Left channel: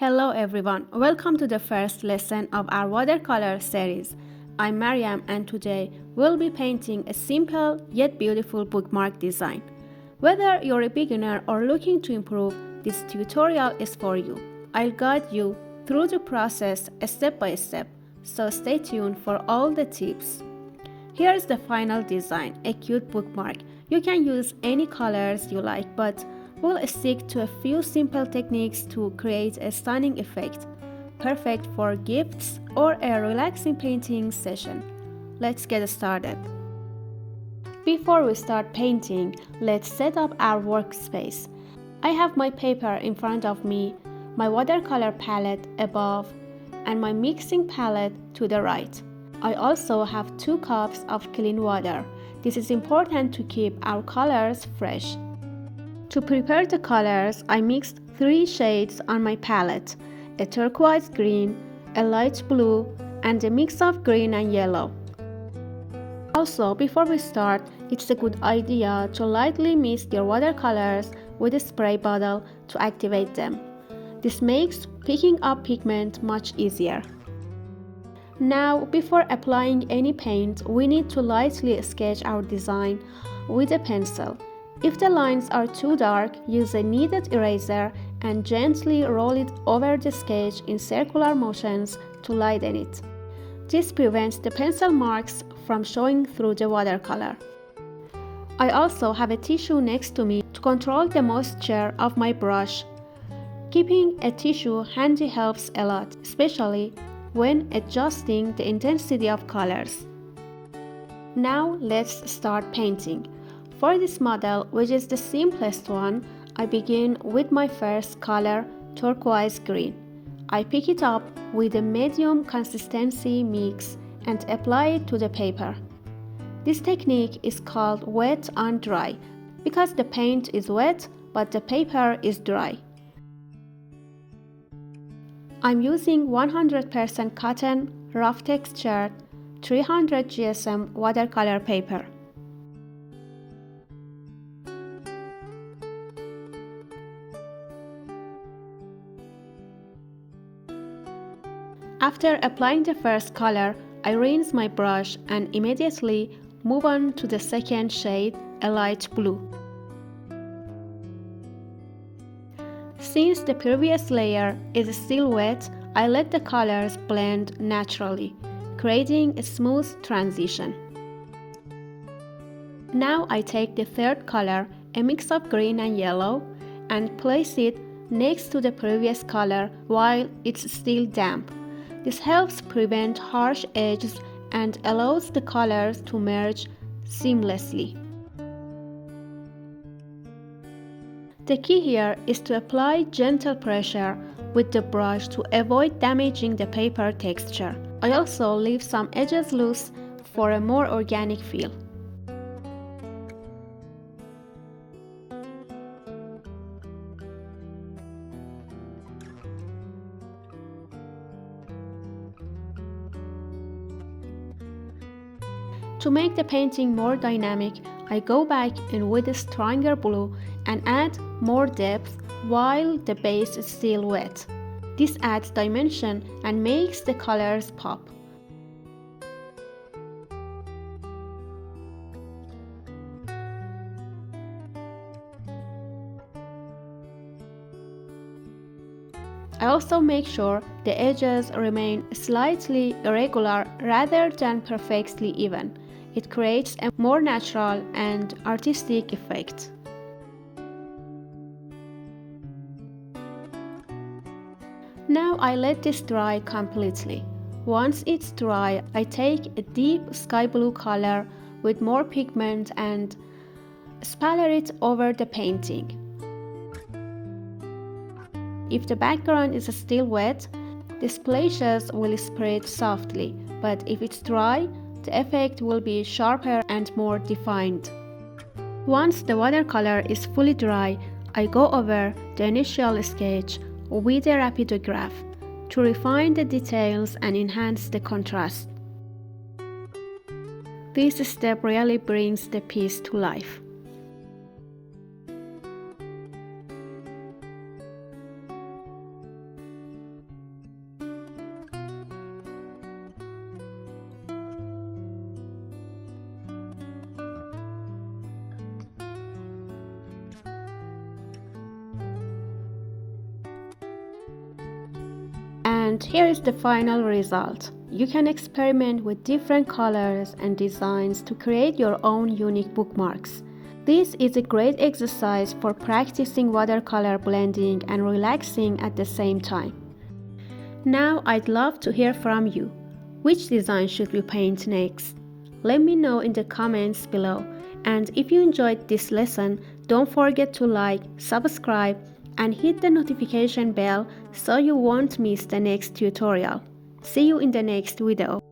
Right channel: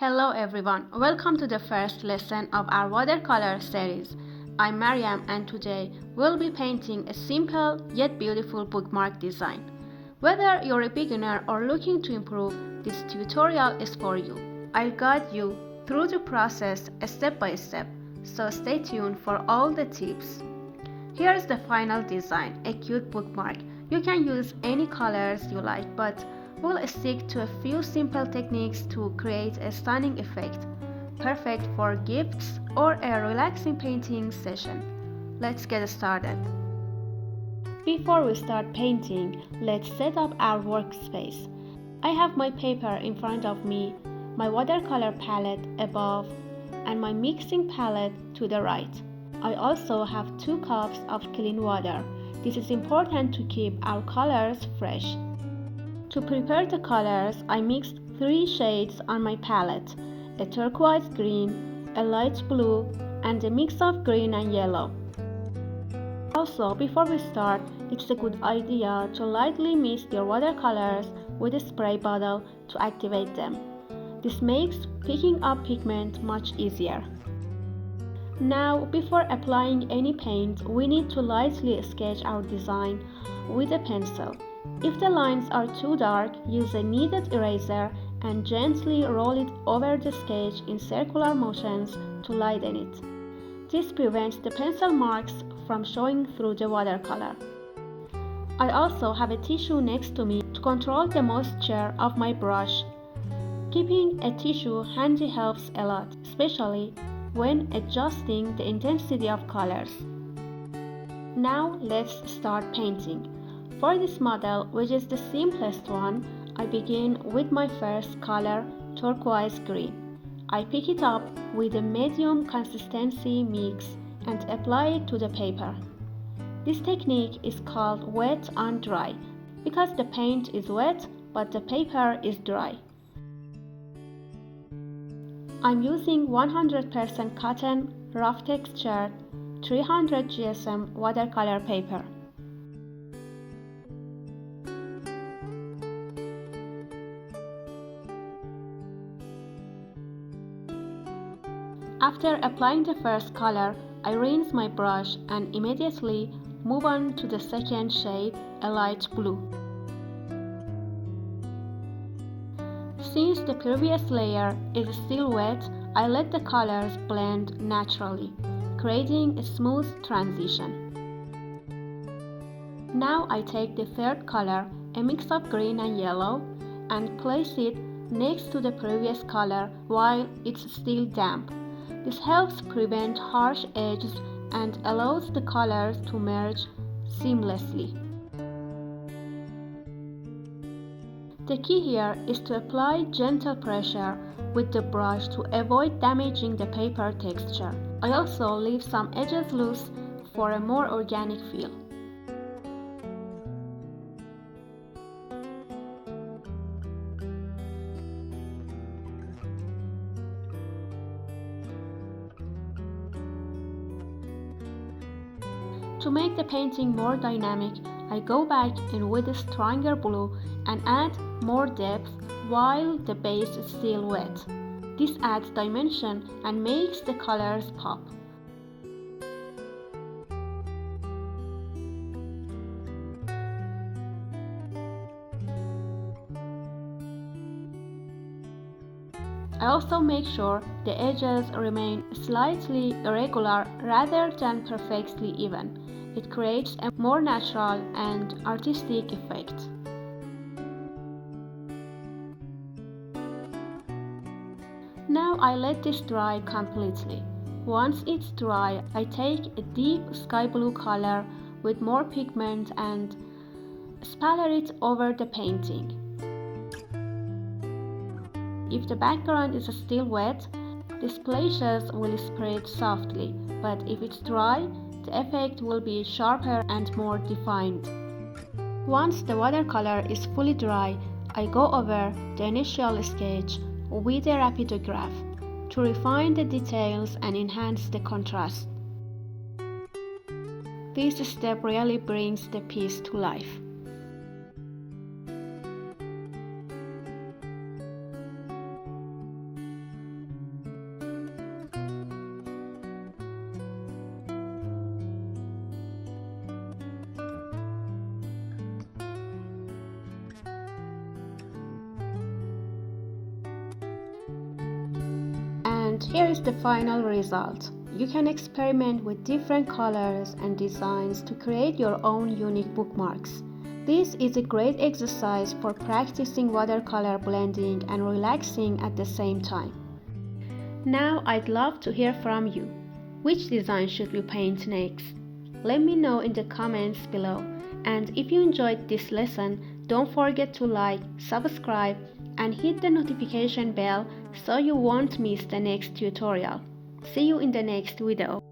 Hello everyone, welcome to the first lesson of our watercolor series. I'm Mariam and today we'll be painting a simple yet beautiful bookmark design. Whether you're a beginner or looking to improve, this tutorial is for you. I'll guide you through the process step by step, so stay tuned for all the tips. Here's the final design, a cute bookmark. You can use any colors you like, but we'll stick to a few simple techniques to create a stunning effect, perfect for gifts or a relaxing painting session. Let's get started. Before we start painting, let's set up our workspace. I have my paper in front of me, my watercolor palette above, and my mixing palette to the right. I also have 2 cups of clean water. This is important to keep our colors fresh. To prepare the colors, I mixed 3 shades on my palette, a turquoise green, a light blue, and a mix of green and yellow. Also, before we start, it's a good idea to lightly mist your watercolors with a spray bottle to activate them. This makes picking up pigment much easier. Now, before applying any paint, we need to lightly sketch our design with a pencil. If the lines are too dark, use a kneaded eraser and gently roll it over the sketch in circular motions to lighten it. This prevents the pencil marks from showing through the watercolor. I also have a tissue next to me to control the moisture of my brush. Keeping a tissue handy helps a lot, especially when adjusting the intensity of colors. Now let's start painting. For this model, which is the simplest one, I begin with my first color, turquoise green. I pick it up with a medium consistency mix and apply it to the paper. This technique is called wet on dry because the paint is wet but the paper is dry. I'm using 100% cotton, rough texture, 300 GSM watercolor paper. After applying the first color, I rinse my brush and immediately move on to the second shade, a light blue. Since the previous layer is still wet, I let the colors blend naturally, creating a smooth transition. Now I take the third color, a mix of green and yellow, and place it next to the previous color while it's still damp. This helps prevent harsh edges and allows the colors to merge seamlessly. The key here is to apply gentle pressure with the brush to avoid damaging the paper texture. I also leave some edges loose for a more organic feel. To make the painting more dynamic, I go back in with a stronger blue and add more depth while the base is still wet. This adds dimension and makes the colors pop. I also make sure the edges remain slightly irregular rather than perfectly even. It creates a more natural and artistic effect. Now I let this dry completely. Once it's dry, I take a deep sky blue color with more pigment and spatter it over the painting. If the background is still wet, the splashes will spread softly, but if it's dry, the effect will be sharper and more defined. Once the watercolor is fully dry, I go over the initial sketch with a rapidograph to refine the details and enhance the contrast. This step really brings the piece to life. And here is the final result. You can experiment with different colors and designs to create your own unique bookmarks. This is a great exercise for practicing watercolor blending and relaxing at the same time. Now I'd love to hear from you. Which design should we paint next? Let me know in the comments below. And if you enjoyed this lesson, don't forget to like, subscribe, and hit the notification bell so you won't miss the next tutorial. See you in the next video.